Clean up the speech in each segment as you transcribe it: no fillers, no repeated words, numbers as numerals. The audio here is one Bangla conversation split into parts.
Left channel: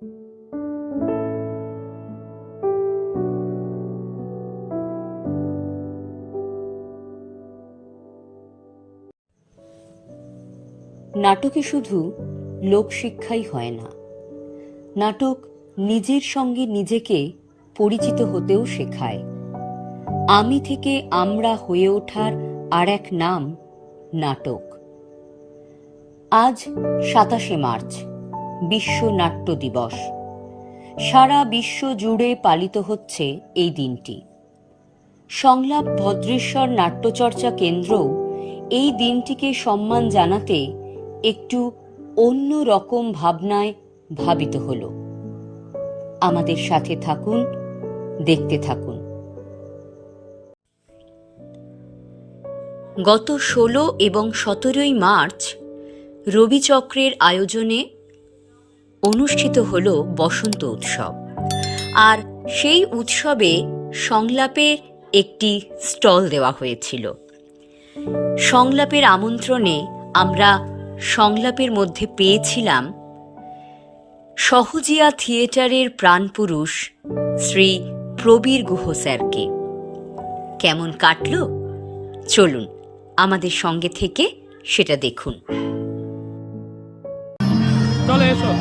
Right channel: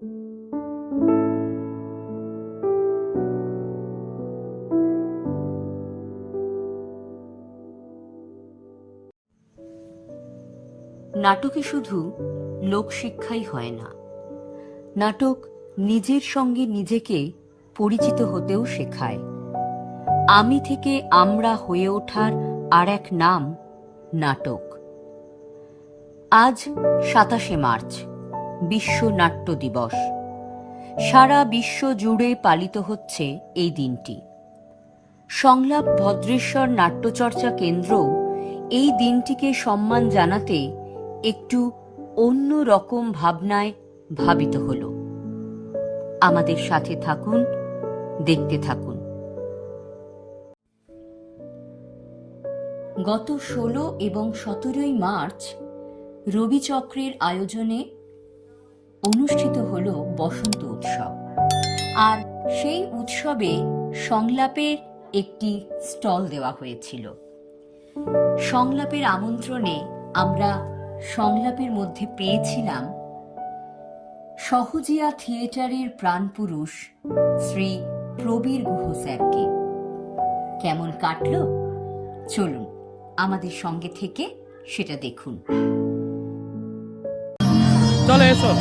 নাটকে শুধু লোকশিক্ষাই হয় না, নাটক নিজের সঙ্গে নিজেকে পরিচিত হতেও শেখায়। আমি থেকে আমরা হয়ে ওঠার আর এক নাম নাটক। আজ 27শে মার্চ, বিশ্ব নাট্য দিবস। সারা বিশ্ব জুড়ে পালিত হচ্ছে এই দিনটি। সংলাপ ভদ্রেশ্বর নাট্যচর্চা কেন্দ্রও এই দিনটিকে সম্মান জানাতে একটু অন্য রকম ভাবনায় ভাবিত হল। আমাদের সাথে থাকুন, দেখতে থাকুন। গত 16 এবং 17 মার্চ রবিচক্রের আয়োজনে অনুষ্ঠিত হল বসন্ত উৎসব। আর সেই উৎসবে সংলাপের একটি স্টল দেওয়া হয়েছিল। সংলাপের আমন্ত্রণে আমরা সংলাপের মধ্যে পেয়েছিলাম সহজিয়া থিয়েটারের প্রাণপুরুষ শ্রী প্রবীর গুহ স্যারকে। কেমন কাটল? চলুন আমাদের সঙ্গে থেকে সেটা দেখুন। চলে এসো।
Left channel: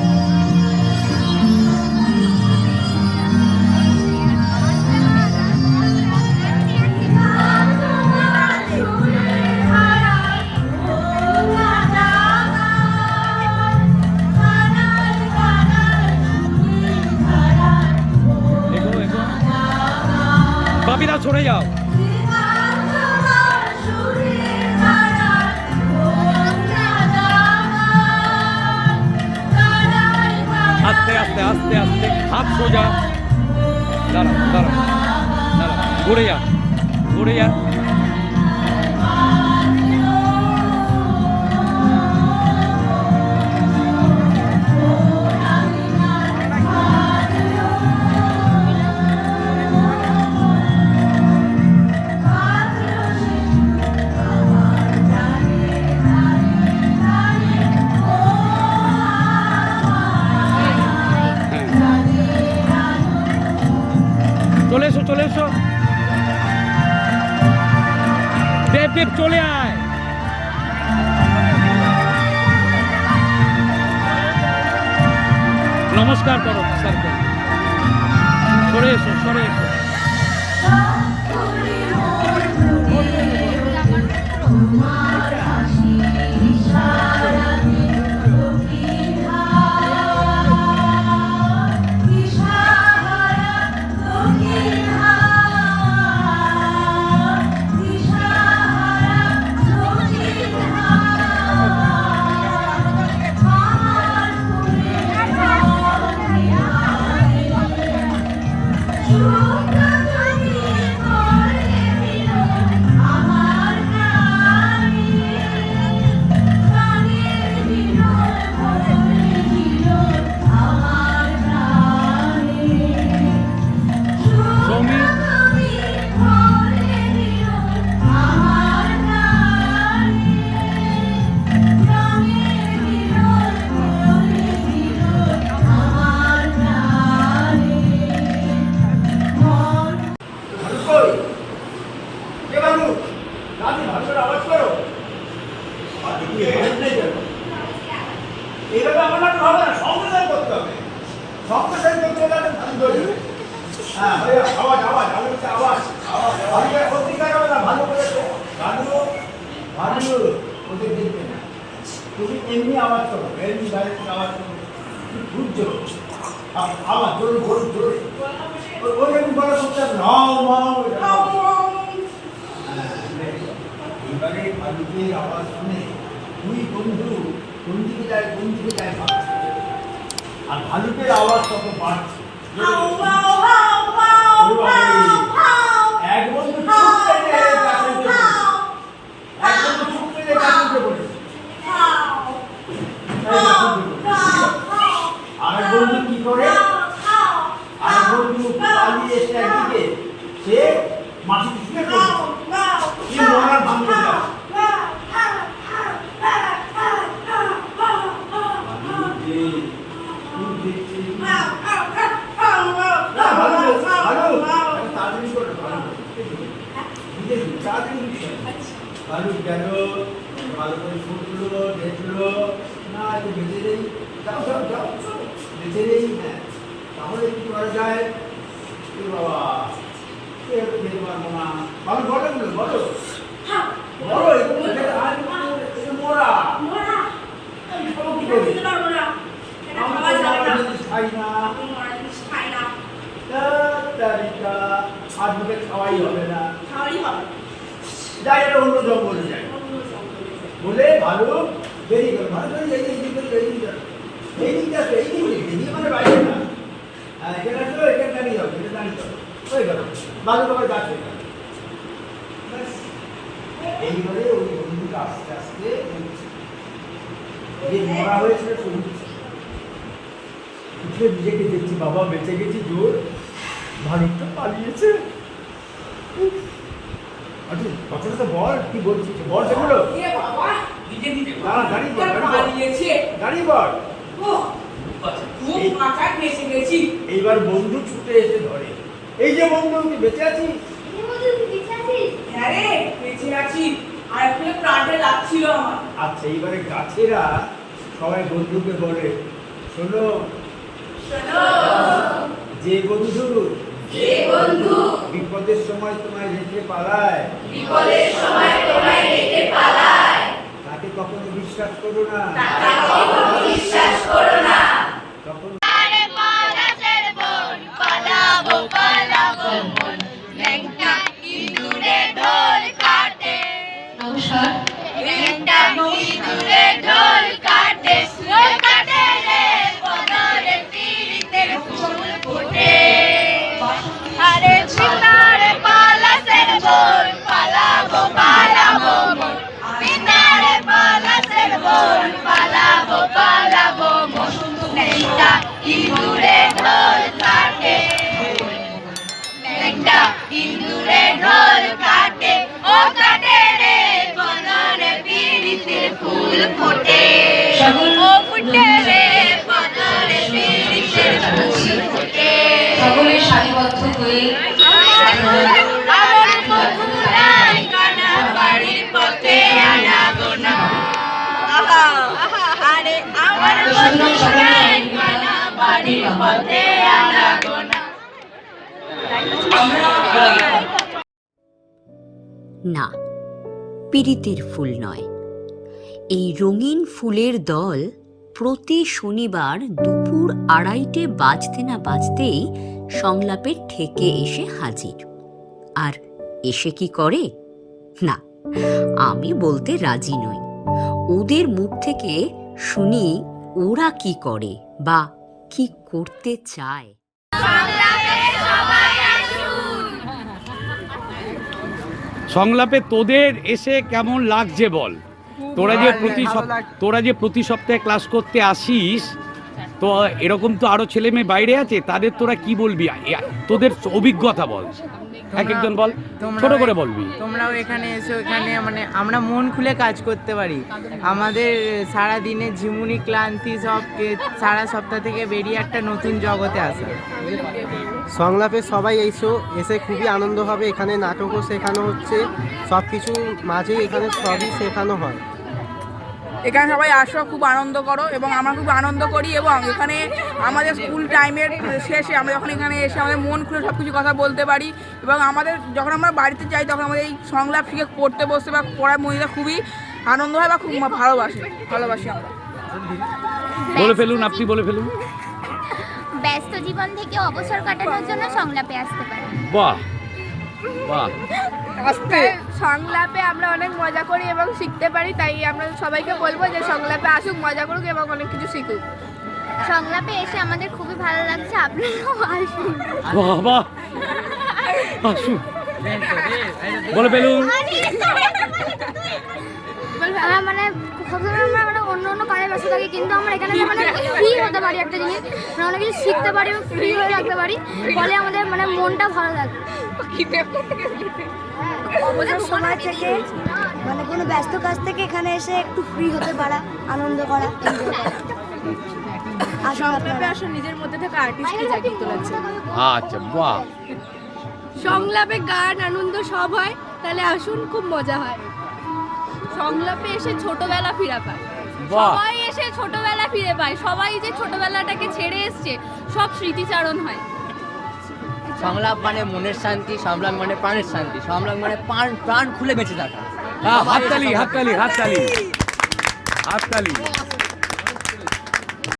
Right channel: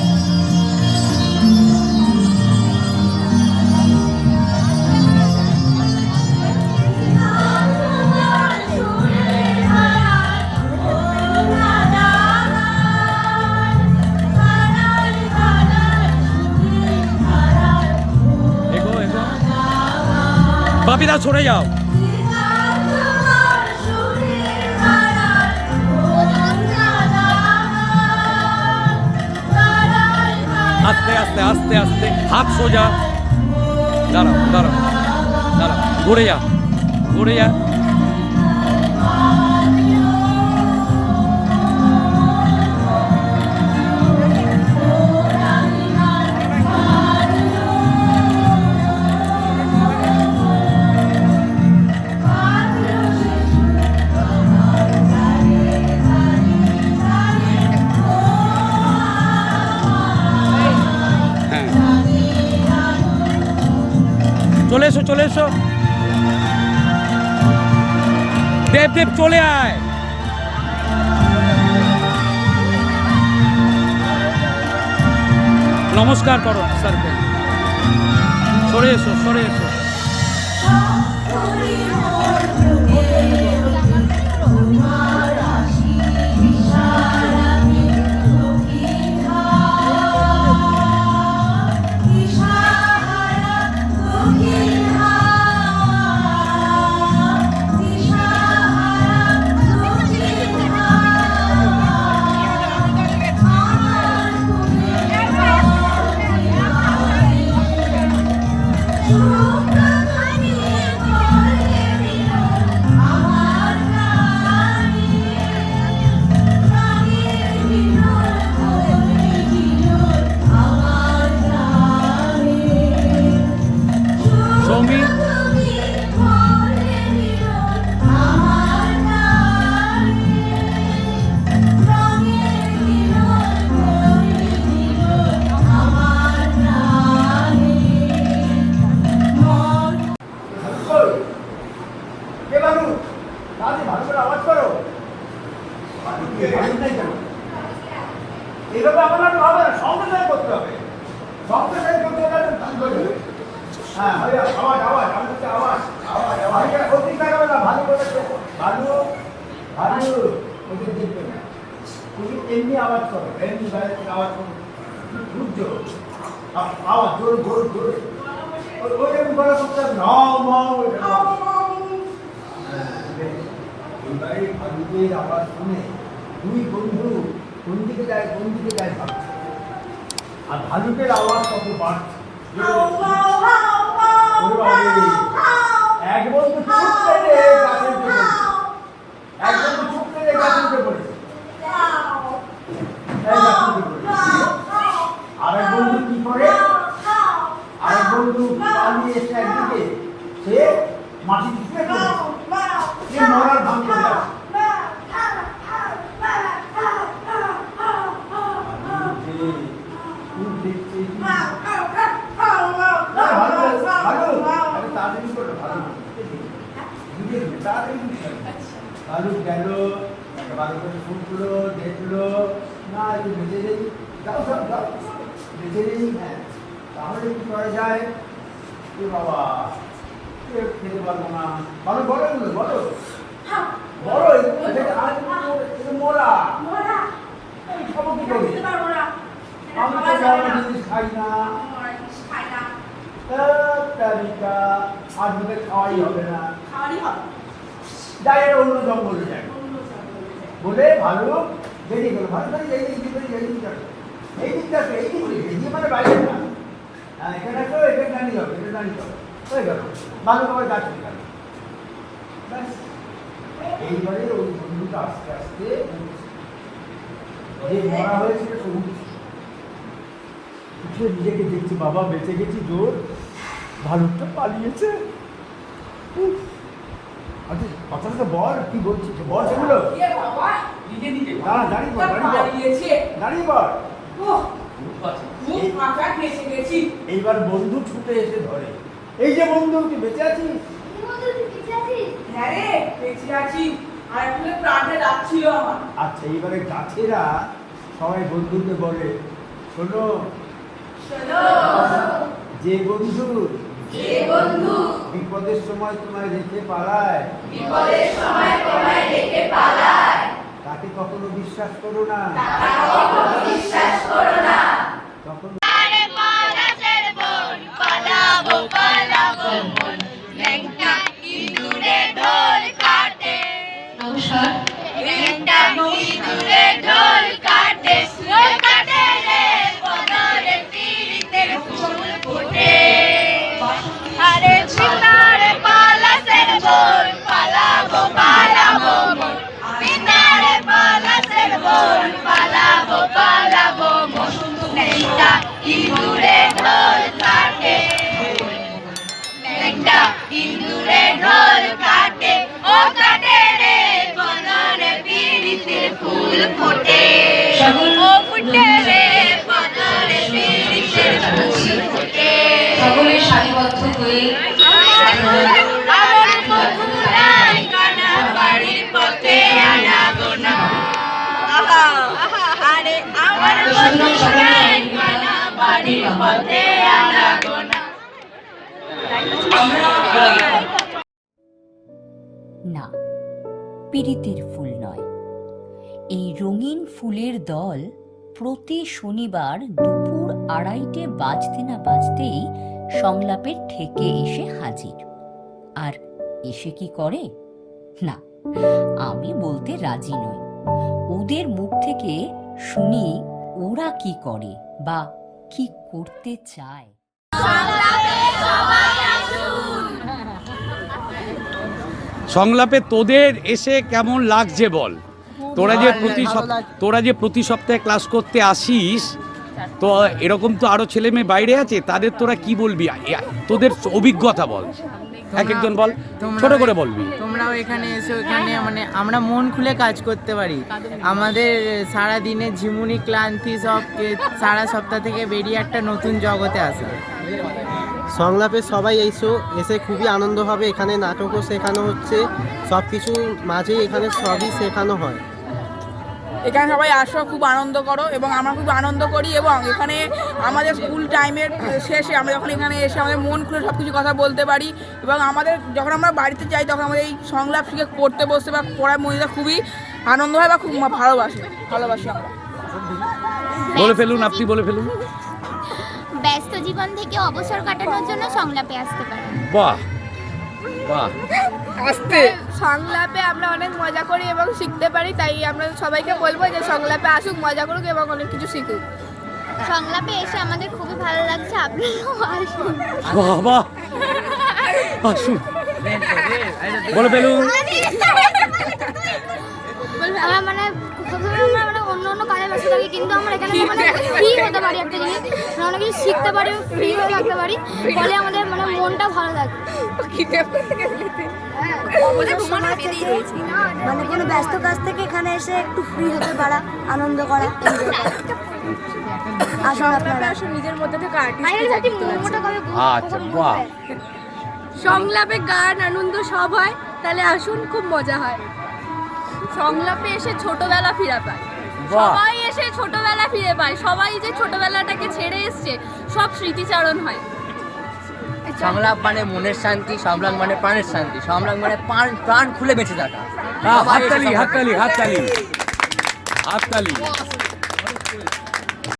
বাপিরা সরে যাও। আস্তে আস্তে আস্তে আস্তে, হাত সোজা। দাঁড়াও দাঁড়াও দাঁড়াও, ঘুরে যা ঘুরে যা। চলে এসো চলে এসো। দেব দেব চলে আয়। নমস্কার করো স্যারকে। সরে এসো সরে এসো। এইভাবে আমার নাটক হবে না, সংপ্রচার করতে হবে। সংপ্রচার করতে গেলে হ্যাঁ আওয়াজ আওয়াজ আওয়াজ আওয়াজ আওয়াজ অধিকার হবে না। ভালো করেছে, ভালো ভালো ওদের দেখবে না। তুমি এমনি আওয়াজ করো, এমনি বাইরে থেকে আওয়াজ করো, বুঝছো? আওয়াজ জোরে জোরে জোরে, ওই যেমন বলা করতে হবে। এবারে ভালুকের আওয়াজ শুনে দুই বন্ধু কোন দিকে যায় ভাবছে, আর ভালুকের আওয়াজ কত বাড়ছে। এক বন্ধু চুপ করে আরেক বন্ধু কি করে, আরেক বন্ধু পালিয়ে এসে একদিকে সে মাটি শুয়ে পড়েছে, কি মরার ভাঙতে যায়। খুব দেখছি। না, ভালো, ভালো। আরে তাড়াতাড়ি করো, ভালো করো। ধীরে ধীরে, তাড়াতাড়ি করো। ভালো গেল, ভালো করে ফুটলো, দেখলো, না একটু বেঁচে যাই, যাও যাও যাও, বেঁচে যাই, হ্যাঁ। তাহলে কি করা যায়? এ বাবা, কেউ খেতে পারবো না। ভালো বলো এগুলো, বলো। বলো, এগুলো খেতে আর একটু মোরা। আমি খাবো কি করে? আমি তো মোরা জিনিস খাই না। তারিকা আজ মুখে খাওয়াই হবে না। যাই, এটা অন্য জঙ্গলে যাই। বলে ভালো বেরিয়ে গেল, ভালো করে এই দিকটা মানে বাইরে না। হ্যাঁ, এটা তো এটা দাঁড়িয়ে যাবে, এটা দাঁড়িয়ে যাবে, হয়ে গেল, ভালোভাবে যাচ্ছে। এইবারে ওই বন্ধুটা আস্তে আস্তে যে মরা হয়েছে উঠে নিজেকে দেখছি, বাবা বেঁচে গেছি, জোর ভালুকটা পালিয়েছে। আচ্ছা, কথাটা বল, কি বলছিস বল সেগুলো। দাঁড়া, দাঁড়িয়ে বল, দাঁড়িয়ে বল। এইবার বন্ধু ছুটে এসে ধরে, এই যে বন্ধু, তুই বেঁচে আছিস? হ্যাঁ রে, বেঁচে আছি। আর একটু প্রাণে লাগছিল আমার। আচ্ছা, এইবারে গাছেরা সবাই বন্ধুকে বলে, শোনো, যে বন্ধু বিপদের সময় তোমায় রেখে পালায়, তাকে কখনো বিশ্বাস করো না। তখন সকলের সারিবদ্ধ হয়ে না, পীড়িতের ফুল নয়। এই রঙিন ফুলের দল প্রতি শনিবার দুপুর 2:30 বাজতে না বাজতেই সংলাপের ঠেকে এসে হাজির। আর এসে কি করে? না, আমি বলতে রাজি নই। ওদের মুখ থেকে শুনি ওরা কি করে বা কি করতে চায়। সংলাপে তোদের এসে কেমন লাগছে বল। তোরা যে প্রতি সপ্তাহে ক্লাস করতে আসিস, তো এরকম তো আরো ছেলে মেয়ে বাইরে আছে, তাদের তোরা কি বলবি? তোদের অভিজ্ঞতা বল, এক একজন বল, ছোট করে বলবি। তোমরাও এখানে এসো, এখানে মানে আমরা মন খুলে কাজ করতে পারি। আমাদের সারা দিনের ঝিমুনি ক্লান্তি সবকে সারা সপ্তাহ থেকে বেরিয়ে একটা নতুন জগতে আসা। সংলাপে সবাই এসে খুবই আনন্দ হবে। এখানে নাটকও শেখানো হচ্ছে, সব কিছু মাঝেই এখানে সবই শেখানো হয়। এখানে সবাই আসো, খুব আনন্দ করো, এবং আমরা খুব আনন্দ করি। এবং এখানে আমাদের স্কুল টাইমের শেষে আমরা যখন এখানে এসে আমাদের মন খুলে সব কিছু কথা বলতে পারি। এবং আমাদের যখন আমরা বাড়িতে যাই তখন আমাদের এই সংলাপ শিখে পড়তে বসতে বা পড়ার মহিলা খুবই আনন্দ হয় বা খুব ভালোবাসি আমরা। বলে ফেলুন, আপনি বলে ফেলুন। ব্যস্ত জীবন থেকে অবসর কাটানোর জন্য সংলাপে আসতে পারেন। বাহ বাহ। সংলাপে আমরা অনেক মজা করি এবং শিখতে পারি, তাই আমরা সবাইকে বলবো যে সংলাপে আসুক, মজা করুক এবং অনেক কিছু শিখুক। সংলাপে এসে আমাদের খুবই ভালো লাগছে, আপনারাও আসুন। বাহ বাহ, আসুন, বলে ফেলুন। আমরা মানে সবসময় আমরা অন্য কাজে ব্যস্ত থাকি, কিন্তু আমরা এখানে মানে ফ্রি হতে পারি, একটা জিনিস আমরা অনেক কিছু শিখতে পারি, ফ্রি হয়ে থাকতে পারি, ফলে আমাদের মানে মনটা ভালো থাকে। অবসর সময় থেকে মানে কোনো ব্যস্ত কাজ থেকে এখানে এসে একটু ফ্রি হতে পারা, আনন্দ করা, এনজয় করা। আসুন আপনারা নিজের মধ্যে থেকে আর্টিস্টকে জাগিয়ে তোলার জন্য। আচ্ছা, বাহ, সংলাপে গান আনন্দ সব হয়, তাহলে আসুন, খুব মজা হয়। সংলাপে এসে ছোটবেলা ফিরে পায়, বাহ, সবাই এসে ছোটবেলা ফিরে পায়, সবাই যে ছোটবেলাটাকে ছেড়ে এসছে সব স্মৃতিচারণ হয়। সংলাপ মানে মনের শান্তি, সংলাপ মানে প্রাণের শান্তি, সংলাপ মানে প্রাণ খুলে বেঁচে থাকা। হাততালি হাততালি হাততালি হাততালি।